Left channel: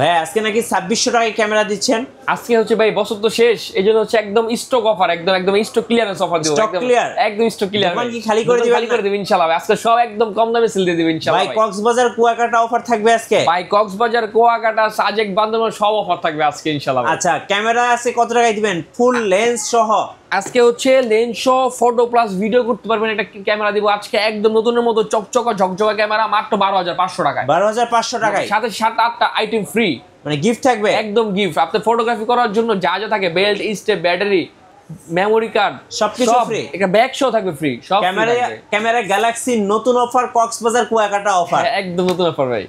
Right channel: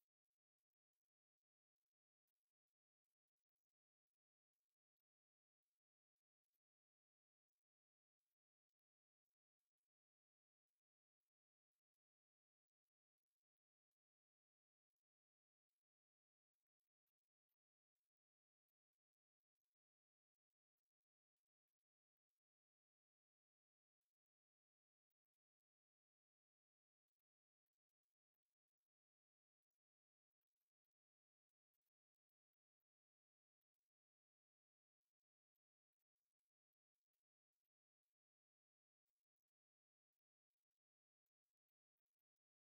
ভাই আজকে নাকি 2600 টাকায় ক্যামেরা দিচ্ছেন। আজকে হচ্ছে ভাই বছর তো শেষ, এইজন্য হচ্ছে একদম স্টক অফার, একদম স্টক ক্লিয়ারেন্স অফার দিব। স্টক ক্লিয়ার, একদম স্টক ক্লিয়ার। দোকান কি খালি করে দিবেন? খালি করে দেব ইনশাআল্লাহ। আজকে সব একদম কম দামে সেল দিয়ে দেব ইনশাআল্লাহ। ভাই কক্সবাজার কুয়াকাটা অফার থাকবে আজকে। ভাই কক্সবাজার কুয়াকাটা সাজেক বান্দরবান সব অফার থাকবে আজকে ইনশাআল্লাহ। আচ্ছা ক্যামেরা আছে কত টাকায় দিবেন? ফুল লেন্স সহ আজকে হচ্ছে লেন্স সহ ফটো প্লাস ভিডিও করতে পারবেন একটা ক্যামেরা দিব আজকে একদম নতুনের মতো চকচকা ঝকঝকা ক্যামেরা মাত্র 12500 টাকায়। 12500 টাকায় সাথে 7-8টা আইটেম ফ্রি, মানে গিফট থাকবে একদম গিফট। আপনি ফটোগ্রাফি করার জন্য যা যা থাকে belt, step, battery, memory card সবকিছু ফ্রি। একটা ব্যাগ সহ থাকবে ফ্রি সব। ক্যামেরা গ্যালাক্সি নতুন অফার কক্সবাজার কুয়াকাটা অফার, একদম নতুন অফার ভাই।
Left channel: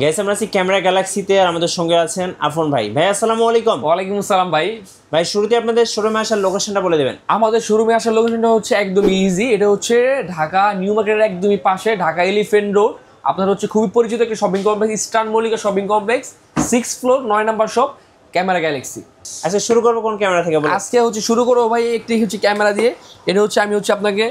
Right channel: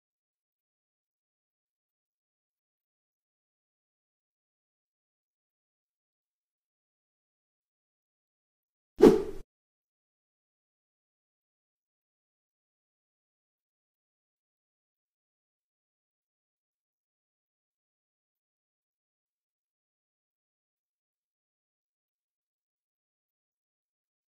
গাইস আমরা আছি ক্যামেরা গ্যালাক্সিতে আর আমাদের সঙ্গে আছেন আফন ভাই। ভাই আসসালামু আলাইকুম। ওয়ালাইকুম আসসালাম ভাই। ভাই শুরুতে আপনাদের শোরুমে আসার লোকেশনটা বলে দেবেন। আমাদের শোরুমে আসার লোকেশনটা হচ্ছে একদম ইজি, এটা হচ্ছে ঢাকা নিউ মার্কেটের একদমই পাশে, ঢাকা এলিফ্যান্ট রোড। আপনার হচ্ছে খুবই পরিচিত একটা shopping complex, eastern Mallika shopping complex, 6th floor 9 number shop, camera Galaxy. আচ্ছা শুরু করবো কোন ক্যামেরা থেকে বলুন? আজকে হচ্ছে শুরু করবো ভাই একটি হচ্ছে ক্যামেরা দিয়ে। এটা হচ্ছে আমি হচ্ছে আপনাকে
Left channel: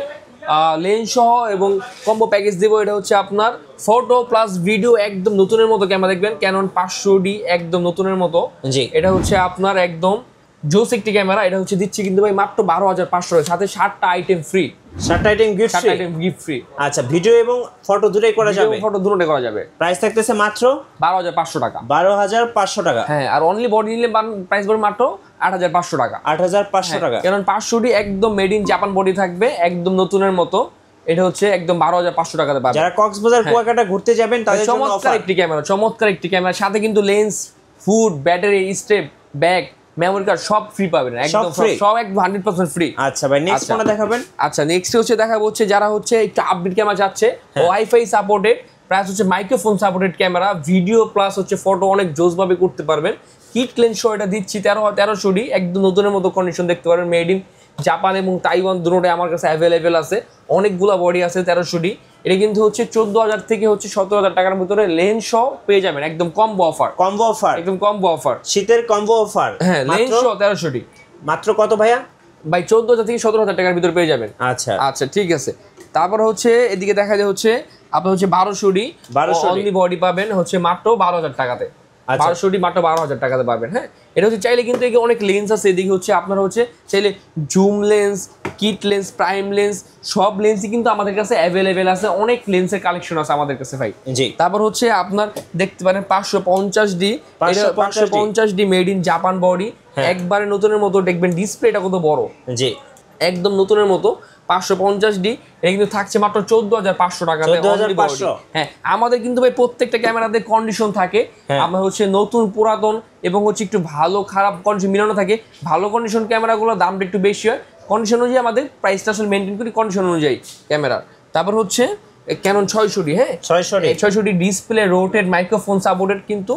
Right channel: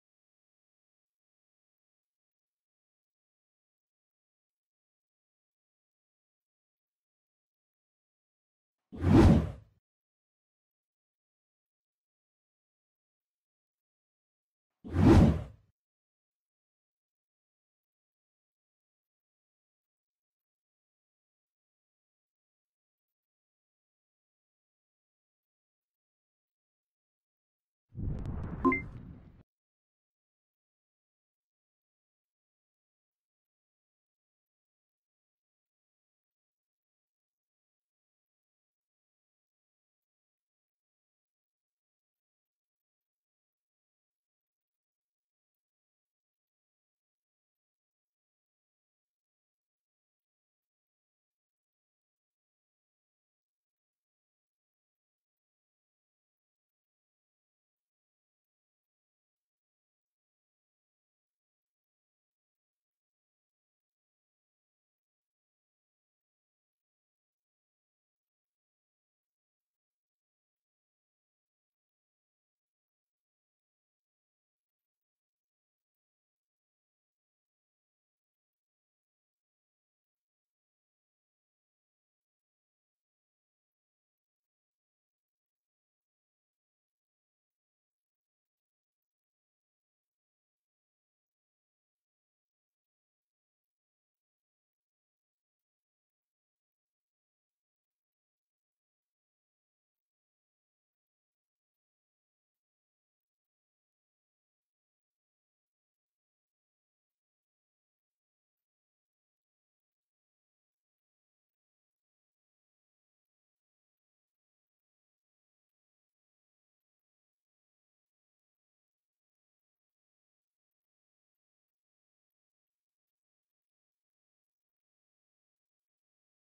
লেন্স সহ এবং কম্বো প্যাকেজ দেবো। এটা হচ্ছে আপনার ফটো প্লাস ভিডিও একদম নতুনের মতো ক্যামেরা দেখবেন, ক্যানন 500D একদম নতুনের মতো। জি এটা হচ্ছে আপনার একদম জোস একটি ক্যামেরা। এটা হচ্ছে দিচ্ছি কিন্তু ভাই মাত্র 12500 এর সাথে 7টা আইটেম ফ্রি। 7টা আইটেম গিফট ফ্রি। 7টা আইটেম গিফট ফ্রি। আচ্ছা ভিডিও এবং ফটো দুটোই করা যাবে? ফটো দুটোই করা যাবে। প্রাইস থাকতেছে মাত্র 12500 টাকা। 12500 টাকা। হ্যাঁ, আর অনলি বডি নিলে প্রাইস পড়বে মাত্র 8500 টাকা। 8500 টাকা। কারণ 500D একদম মেড ইন জাপান বডি থাকবে একদম নতুনের মতো। এটা হচ্ছে একদম 12500 টাকাতে পাবেন। যারা কক্সবাজার কুয়াকাটা ঘুরতে যাবেন তাদের জন্য চমৎকার অফার। চমৎকার একটি ক্যামেরা, সাথে কিন্তু lens, food, battery, step, bag, memory card সব ফ্রি পাবেন একদম, সব একদম 100% ফ্রি। আচ্ছা ভাই নেক্সট কোনটা দেখাবেন? আচ্ছা নেক্সট হচ্ছে দেখাবো হচ্ছে যারা হচ্ছে একটু আপডেট ক্যামেরা চাচ্ছে, ওয়াইফাই সাপোর্টেড, প্লাস হচ্ছে microphone supported camera, video plus হচ্ছে ফটো অনেক জোস ভাবে করতে পারবেন। কিট লেন্স সহ এটা দিচ্ছি 1300D একদম নতুনের মতো কন্ডিশন দেখতে পারবেন। মেড ইন জাপান এবং তাইওয়ান দুটোটাই আমার কাছে অ্যাভেলেবেল আছে, অনেকগুলা বডি আছে 1300D। এটা কিন্তু হচ্ছে 14000 থেকে হচ্ছে 17000 টাকার ভিতরে লেন্স সহ পেয়ে যাবেন একদম কম্বো অফার। কম্বো অফার, একদম কম্বো অফার, শীতের কম্বো অফার। হ্যাঁ লেন্স সহ 1300D মাত্র কত ভাইয়া? ভাই 14000 থেকে 17000 টাকার ভিতরে পেয়ে যাবেন। আচ্ছা আচ্ছা ঠিক আছে। তারপর হচ্ছে এদিকে দেখা যায় হচ্ছে আপনার হচ্ছে 1200D অনলি বডি পাবেন হচ্ছে মাত্র 12000 টাকাতে। 1200D মাত্র 12000 টাকাতে পাবেন। হ্যাঁ, এটা হচ্ছে চাইলে কিন্তু এদিকে অনেক লেন্স আছে। এদিকে হচ্ছে আপনারা হচ্ছে চাইলে zoom lens, kit lens, prime lens সব লেন্সই কিন্তু আমাদের কাছে অ্যাভেলেবেল আছে, অনেক লেন্সের কালেকশন আছে আমাদের কাছে ভাই। জি তারপর হচ্ছে আপনার দেখতে পারেন 550D, 550D made in Japan body, একবারে নতুনের মতো দেখবেন। ডিসপ্লেটা কত বড়, জি একদম নতুনের মতো। 550D এটা কিন্তু থাকছে মাত্র 14500 টাকাতে। হ্যাঁ, আমাদের কিন্তু ভাই প্রত্যেকটা ক্যামেরাতে কন্ডিশন থাকে। আমরা হচ্ছে নতুন, পুরাতন এবং হচ্ছে একটু ভালো খারাপ কন্ডিশন মিলানো থাকে। ভালো কন্ডিশন ক্যামেরাগুলোর দামটা একটু বেশি হয়, কন্ডিশন অনুযায়ী আমাদের প্রাইসটা আসলে মেনটেন করি কন্ডিশন অনুযায়ী ক্যামেরা। তারপর হচ্ছে ক্যানন 600D, হ্যাঁ 600D display, rotate, microphone supported, কিন্তু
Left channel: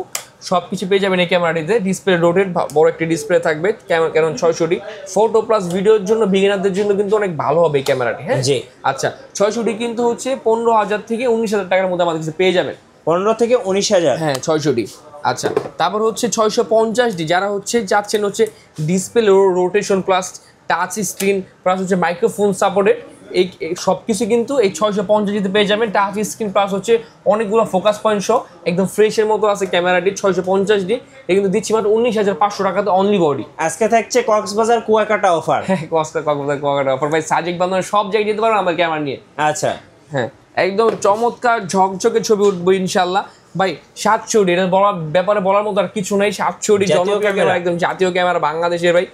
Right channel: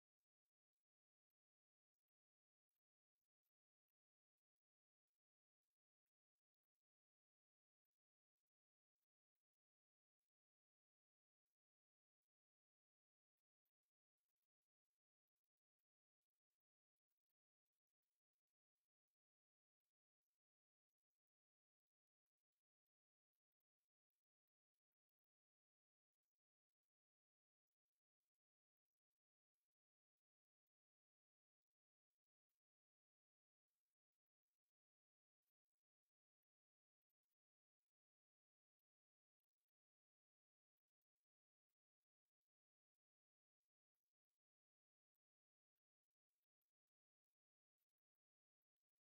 সবকিছু পেয়ে যাবেন এই ক্যামেরাটিতে। ডিসপ্লে রোটেট, বড় একটি ডিসপ্লে থাকবে। ক্যানন 600D ফটো প্লাস ভিডিওর জন্য বিগিনারদের জন্য কিন্তু অনেক ভালো হবে এই ক্যামেরাটি। হ্যাঁ জি আচ্ছা 600D কিন্তু হচ্ছে 15000 থেকে 19000 টাকার মধ্যে আমাদের কাছে পেয়ে যাবেন। 15 থেকে 19000, হ্যাঁ 600D। আচ্ছা তারপর হচ্ছে 650D যারা হচ্ছে যাচ্ছেন হচ্ছে display rotation plus touch screen plus হচ্ছে মাইক্রোফোন সাপোর্টেড, এই সব কিছু কিন্তু এই 650 পেয়ে যাবেন। টাচ স্ক্রিন প্লাস হচ্ছে অনেকগুলো ফোকাস পয়েন্ট সহ একদম ফ্রেশের মতো আছে ক্যামেরাটি। 650D এটা কিন্তু দিচ্ছি মাত্র 19500 টাকাতে অনলি বডি। আজকে থাকছে কক্সবাজার কুয়াকাটা অফার। হ্যাঁ কক্সবাজার কুয়াকাটা অফার ভাই, সাজেক বান্দরবান সব জায়গায় যেতে পারবেন আমার ক্যামেরা নিয়ে। আচ্ছা হ্যাঁ একদম চমৎকার ঝকঝকে ছবি উঠবো ইনশাল্লাহ ভাই। 700D এটা ব্যাপারে বলার মতো আর কিছু নাই। 700D জনপ্রিয় ক্যামেরা, একদম জাতীয় ক্যামেরা বাংলাদেশের ভাই।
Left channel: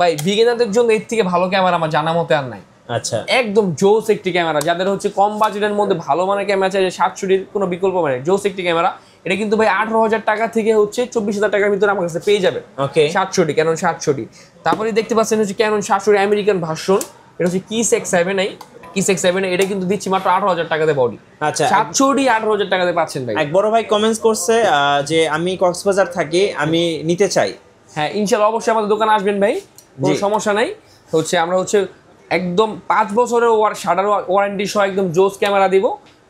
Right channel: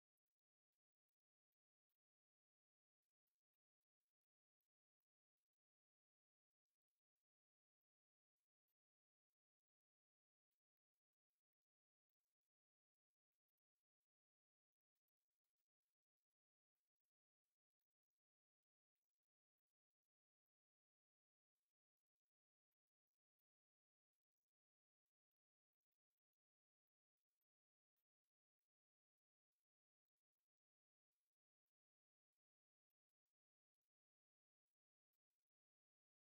ভাই বিগিনারদের জন্য এর থেকে ভালো ক্যামেরা আমার জানা মতে আর নাই। আচ্ছা একদম জোস একটি ক্যামেরা, যাদের হচ্ছে কম বাজেটের মধ্যে ভালো মানের ক্যামেরা চাই, 700Dর কোনো বিকল্প মানে জোস একটি ক্যামেরা। এটা কিন্তু ভাই 18000 টাকা থেকে হচ্ছে 24000 টাকার ভিতরে আমার কাছে পেয়ে যাবেন। ওকে 700D, ক্যানন 700D। তারপরে দেখতে পাচ্ছেন হচ্ছে ক্যানন 700D আমেরিকান ভার্সন, এটা হচ্ছে কিস X7i, কিস X7i এটা কিন্তু দিচ্ছি মাত্র 18000 টাকাতে বডি। আচ্ছা 700D 18000 টাকাতে পাচ্ছেন ভাই। এক বড় ভাই কমেন্টস করছে যে আমি কক্সবাজার থাকি, আমি নিতে চাই। হ্যাঁ ইনশাআল্লাহ অবশ্যই আমাদের দোকানে আসবেন ভাই, কোনো সমস্যা নাই। হচ্ছে আমরা হচ্ছে একদম 5 বছরের শাটার ওয়ারেন্টি সহ একদম জোস ক্যামেরা দিব।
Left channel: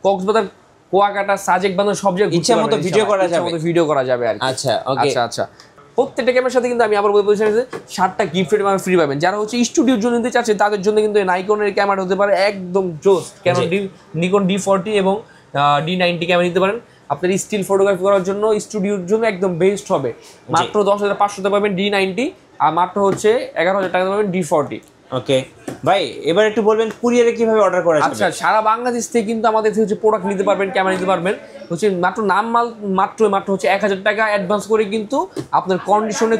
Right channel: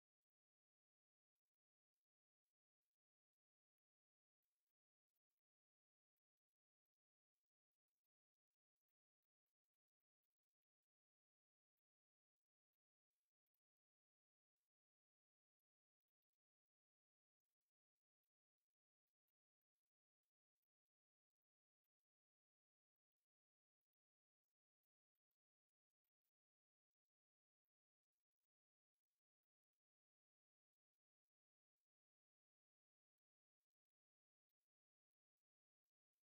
কক্সবাজার কুয়াকাটা সাজেক বান্দরবান সব জায়গায় ইচ্ছা মতো ভিডিও করা যাবে, ভিডিও করা যাবে আর কি। আচ্ছা ওকে আচ্ছা প্রত্যেকটা ক্যামেরার সাথে কিন্তু আমি আবার বলতে চাই যে 7টা গিফট ফ্রি পাবেন। যারা হচ্ছে স্টুডিওর জন্য নিতে চাচ্ছেন তাদের জন্য কিন্তু নাইকনের ক্যামেরা হতে পারে একদম জোস। ক্যানন নিকন D40 এবং D90 ক্যামেরা নিতে পারেন। আপনার স্টিল ফটোগ্রাফি করার জন্য স্টুডিওর জন্য একদম বেস্ট হবে। মাত্র 10,500 পাবেন D90, আর মাত্র হচ্ছে 11,000 টাকা পাবেন D40। ওকে ভাই, এবার একটু বলবেন কুরিয়ারে কিভাবে অর্ডার করা যাবে? আচ্ছা, সারা বাংলাদেশ থেকে কিন্তু আমাদের থেকে হচ্ছে প্রোডাক্ট নিতে পারবেন, ক্যামেরা নিতে পারবেন হচ্ছে মাত্র মাত্র হচ্ছে 1,000 টাকা অ্যাডভান্স করে কিন্তু আপনার কন্ডিশনে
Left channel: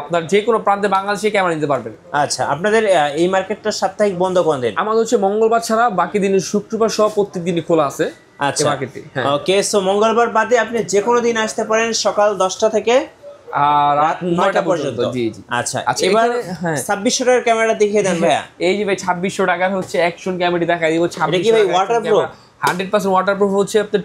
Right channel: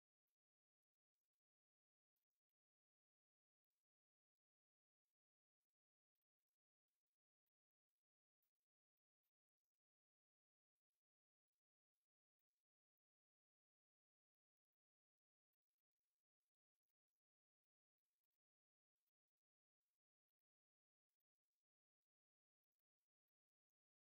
আপনার যে কোনো প্রান্তে বাংলাদেশে ক্যামেরা নিতে পারবেন। আচ্ছা, আপনাদের এই মার্কেটটা সাপ্তাহিক বন্ধ কোন দিন? আমাদের হচ্ছে মঙ্গলবার ছাড়া বাকি দিনে শুক্রবার সহ প্রত্যেক দিনই খোলা আছে। আচ্ছা, মার্কেটে। ওকে, সো মঙ্গলবার বাদে আপনি যে কোনো দিন আসতে পারেন সকাল 10টা থেকে আর রাত 9টা পর্যন্ত। জি জি। আচ্ছা, আচ্ছা, এবার হ্যাঁ 2600 টাকার ক্যামেরা দেখিয়ে দেন ভাইয়া। এই যে ভাই 2600 টাকার হচ্ছে অ্যাকশন ক্যামেরা দেখাই দিব। 2600 কি ভাই ওয়াটারপ্রুফ? 100% ওয়াটারপ্রুফ হচ্ছে আপনার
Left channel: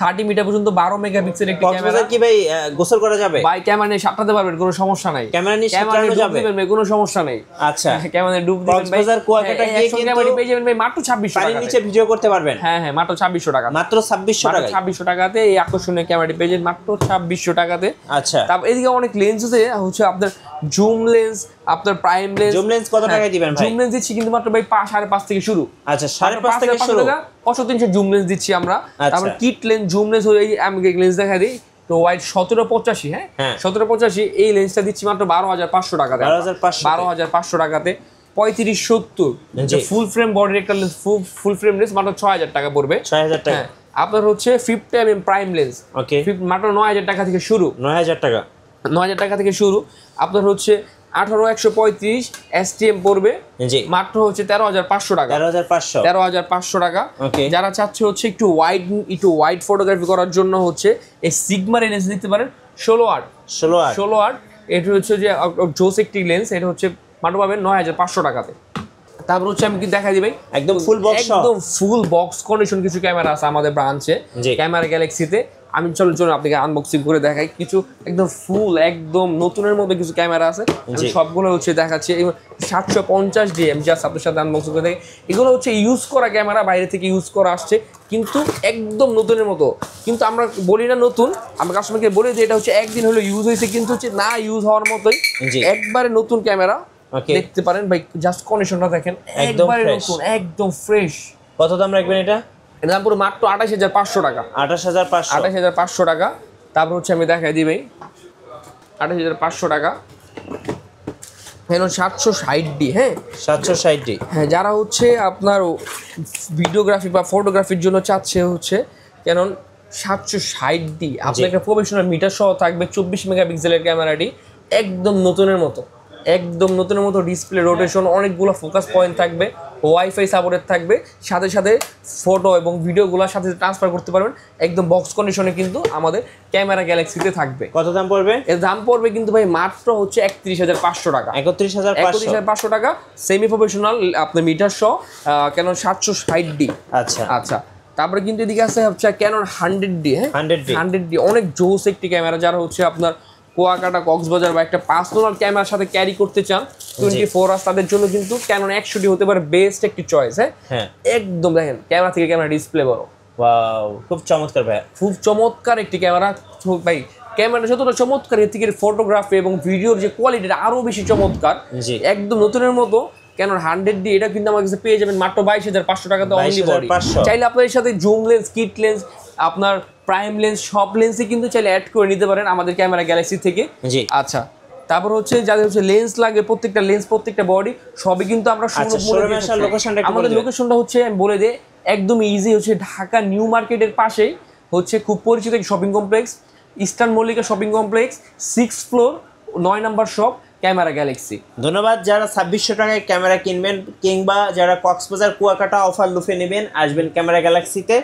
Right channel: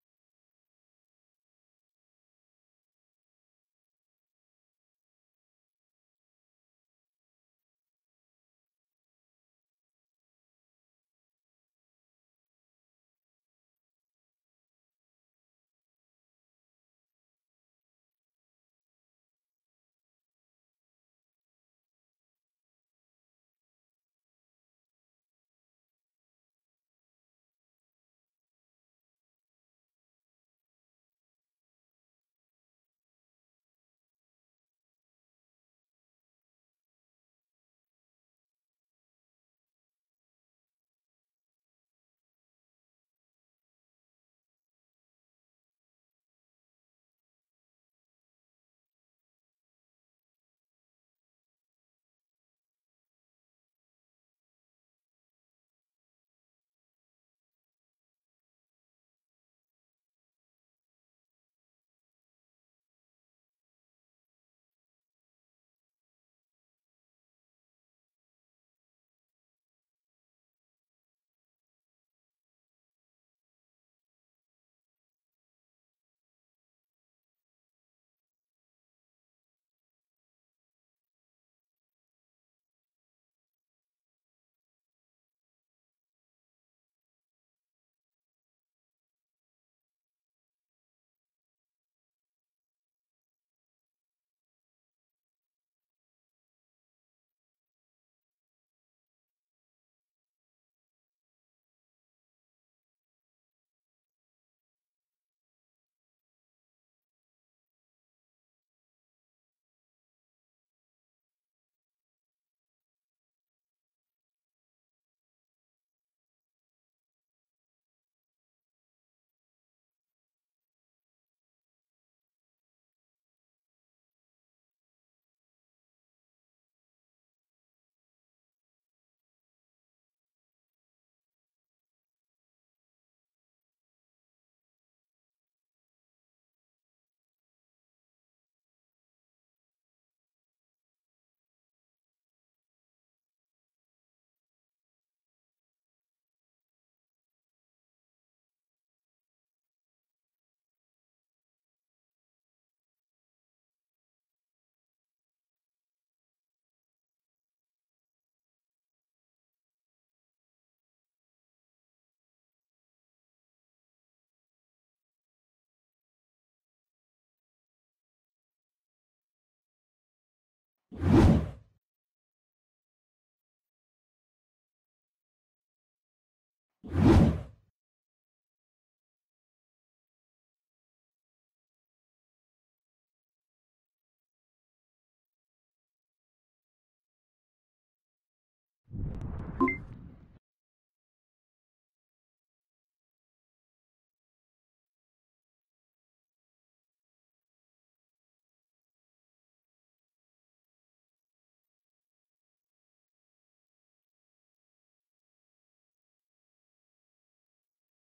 30 মিটার পর্যন্ত 12 মেগাপিক্সেল একটি ক্যামেরা। কক্সবাজার কি ভাই গোসল করা যাবে? ভাই ক্যামেরা নিয়ে সাঁতরাতে পারবেন, কোনো সমস্যা নাই। ক্যামেরা নিয়ে সাঁতরানো যাবে? কোনো সমস্যা নেই। আচ্ছা, ক্যামেরা ডুব দিবেন ভাই। কক্সবাজার কুয়াকাটা গিয়ে কিন্তু ক্যামেরা পেয়ে যাবেন ভাই মাত্র 2600 টাকা। পানির নিচে ভিডিও করতে পারবেন। হ্যাঁ হ্যাঁ, মাত্র 2600 টাকা। মাত্র 2600 টাকা। 2600 টাকাতে এই আকর্ষণীয় ক্যামেরাটি পেয়ে যাবেন মাত্র 2600 টাকাতে। আচ্ছা, তারপর এদিকে অনেক লেন্স আছে হচ্ছে আপনার জুম লেন্স, আপনার প্রাইম লেন্স। জুম লেন্স কত টাকায় দিবেন ভাই? জুম লেন্স দিচ্ছি কিন্তু মাত্র ভাই 5.5 থেকে শুরু। আচ্ছা, 5.5 থেকে শুরু। 500-300 জুম লেন্স দিচ্ছি আমরা। আচ্ছা। তারপর কিট লেন্স, জুম লেন্স এই আমি লেন্স দেখা দিই তো ওয়াইড 1785, হ্যাঁ 1785 এই লেন্সটা দিচ্ছি মাত্র 12,500 টাকাতে। 12,500 টাকাতে। 35-70 ফুল ফ্রেম বডির একটা লেন্স, ফুল ফ্রেম লেন্স মাত্র 6,000 টাকা পড়বে। 6,000 টাকা। আপনার হচ্ছে 50 mm প্রাইম লেন্স, ওকে, মাত্র 9,000 টাকা থেকে শুরু। 9,000 টাকা। 9,000 টাকা থেকে শুরু। আপনার হচ্ছে 18-135 STM পড়বে জি, মাত্র হচ্ছে 13,500 টাকা। 13,500 টাকা। ওকে, যারা চাচ্ছে হচ্ছে একটু ওয়াইড ফটোগ্রাফি করার জন্য হচ্ছে এই সিগমার লেন্স নিতে পারেন। 16-8 এটা হচ্ছে যে জোস একটি লেন্স, এটা হচ্ছে মাত্র পাবেন 9,500 টাকাতে। তারপর হচ্ছে আমি কি দেখাই দিই ভাই, একদম ফুল বক্স, একদম ফুল বক্স কন্ডিশন কিছু ক্যামেরা আছে আমাদের ব্রাঞ্চে ক্যামেরা গ্যালাক্সিতে। আমি চলুন আপনাকে আনবক্সিং করে দেখাই। কিছু একদম ফুল একদম নতুনের মধ্যে কিছু ক্যামেরা আছে, সবগুলো হচ্ছে দেখাচ্ছি। 750D আমি জাস্ট আপনার সাথে আনবক্সিং করে দেখি। এগুলো হচ্ছে ইউজ করা ক্যামেরা, বাইরে থেকে ইউজ করা আসছে কিন্তু একদম নতুনের মতো। কিন্তু আমরা বলি না নতুন, আমরা কাস্টমারকে বলি যে এটা হচ্ছে একদিন হলো ইউজ হয়েছে, কিন্তু হচ্ছে না ইউজ হওয়ার মতোই একবারে নতুন ক্যামেরা। দেখতে পারেন ভাই, জাস্ট কন্ডিশনটা দেখেন, একবারে নতুন, একদম ফ্রেশ। কত দাম রাখবেন এটা? এর দাম পুরো মাত্র 28,500 টাকা। 28,500 টাকা। তারপর হচ্ছে আমি দেখাই দিই ভাই 28,500 টাকা। হ্যালো 760D, হ্যাঁ 760D। হ্যাঁ, যারা হচ্ছে আপনার ভিডিওগ্রাফি বা ফটোগ্রাফির জন্য চাচ্ছে হচ্ছে ক্যানন 760D, আপনার একটা প্রফেশনাল মিটার সহ থাকবে, 24 মেগাপিক্সেলের ক্যামেরাটি একদম নতুনের মতো ডিসপ্লে, রোটেশন, অনেকগুলো ফোকাস পয়েন্ট থাকবে, ওয়াইফাই সাপোর্টেড থাকবে, সাথে সাথে ফটো এবং ভিডিওগুলোর সাথে ট্রান্সফার করতে পারবেন একদম বক্স কন্ডিশনে কিন্তু আমাদের ক্যামেরা গ্যালাক্সিতে থাকবে। কত দাম পড়বে? এর দাম পড়বে কিন্তু ভাই মাত্র হচ্ছে 31,500 টাকা। 31,500 টাকা সেমি প্রফেশনাল আপনার মিটার সহ ক্যানন 760D। আচ্ছা আচ্ছা, তারপরে কিন্তু এদিকে আছে হচ্ছে ক্যানন 100D, হ্যাঁ 100D অনেক জোস একটি ক্যামেরা। যারা হচ্ছে আপনার কুয়াকাটা, কক্সবাজার বা একটা পার্সোনাল ক্যামেরার সাথে ক্যারি করতে চান 24 আওয়ার্স, তাদের জন্য কিন্তু ক্যানন 100D হতে পারে বেস্ট একটি চয়েস। হ্যাঁ একদম দেখেন ক্যামেরা থেকে ক্যামেরা ডিসপ্লে বড়, ওয়াও খুব চমৎকার ভাই, খুব চমৎকার একটি ক্যামেরা ভাই। ক্যামেরা যতটা চমৎকার, এর থেকে ফটোগ্রাফি এবং ভিডিওর যে কোয়ালিটিটা আরো বেশি চমৎকার, একদম নতুনের মতো। ক্যানন 100D এটা কিন্তু আমার কাছে পেয়ে যাবেন মাত্র 22,500 টাকাতে অনলি বডি। চাইলে আপনার এর সাথে জুম লেন্স, কিট লেন্স, আপনার প্রাইম লেন্স, সব লেন্সই কিন্তু চাইলে অ্যাড করে নিতে পারেন আমাদের ক্যামেরা গ্যালাক্সি থেকে। আচ্ছা, তারপর হচ্ছে যাদের হচ্ছে লেন্স লাগে, প্রত্যেকটা লেন্স, প্রত্যেকটা বডি সবই কিন্তু আমরা আমাদের লোকেশনটা হচ্ছে আমি বলে দিই, একদম ইজি হচ্ছে ঢাকা নিউ মার্কেটের পাশেই হচ্ছে খুব পরিচিত এক shopping complex, eastern Mallika shopping complex, 6th floor, 9 নম্বর শপ, ক্যামেরা গ্যালাক্সি। ধন্যবাদ। যারা 2600 টাকায় ক্যামেরা কিনবেন কিংবা যারা কক্সবাজার কুয়াকাটা অফার লুফে নেবেন, আসবেন ক্যামেরা গ্যালাক্সিতে।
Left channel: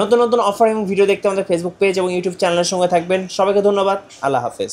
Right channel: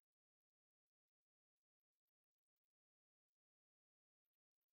নতুন নতুন অফার এবং ভিডিও দেখতে আমাদের ফেসবুক পেজ এবং ইউটিউব চ্যানেলের সঙ্গে থাকবেন। সবাইকে ধন্যবাদ। আল্লাহ হাফেজ।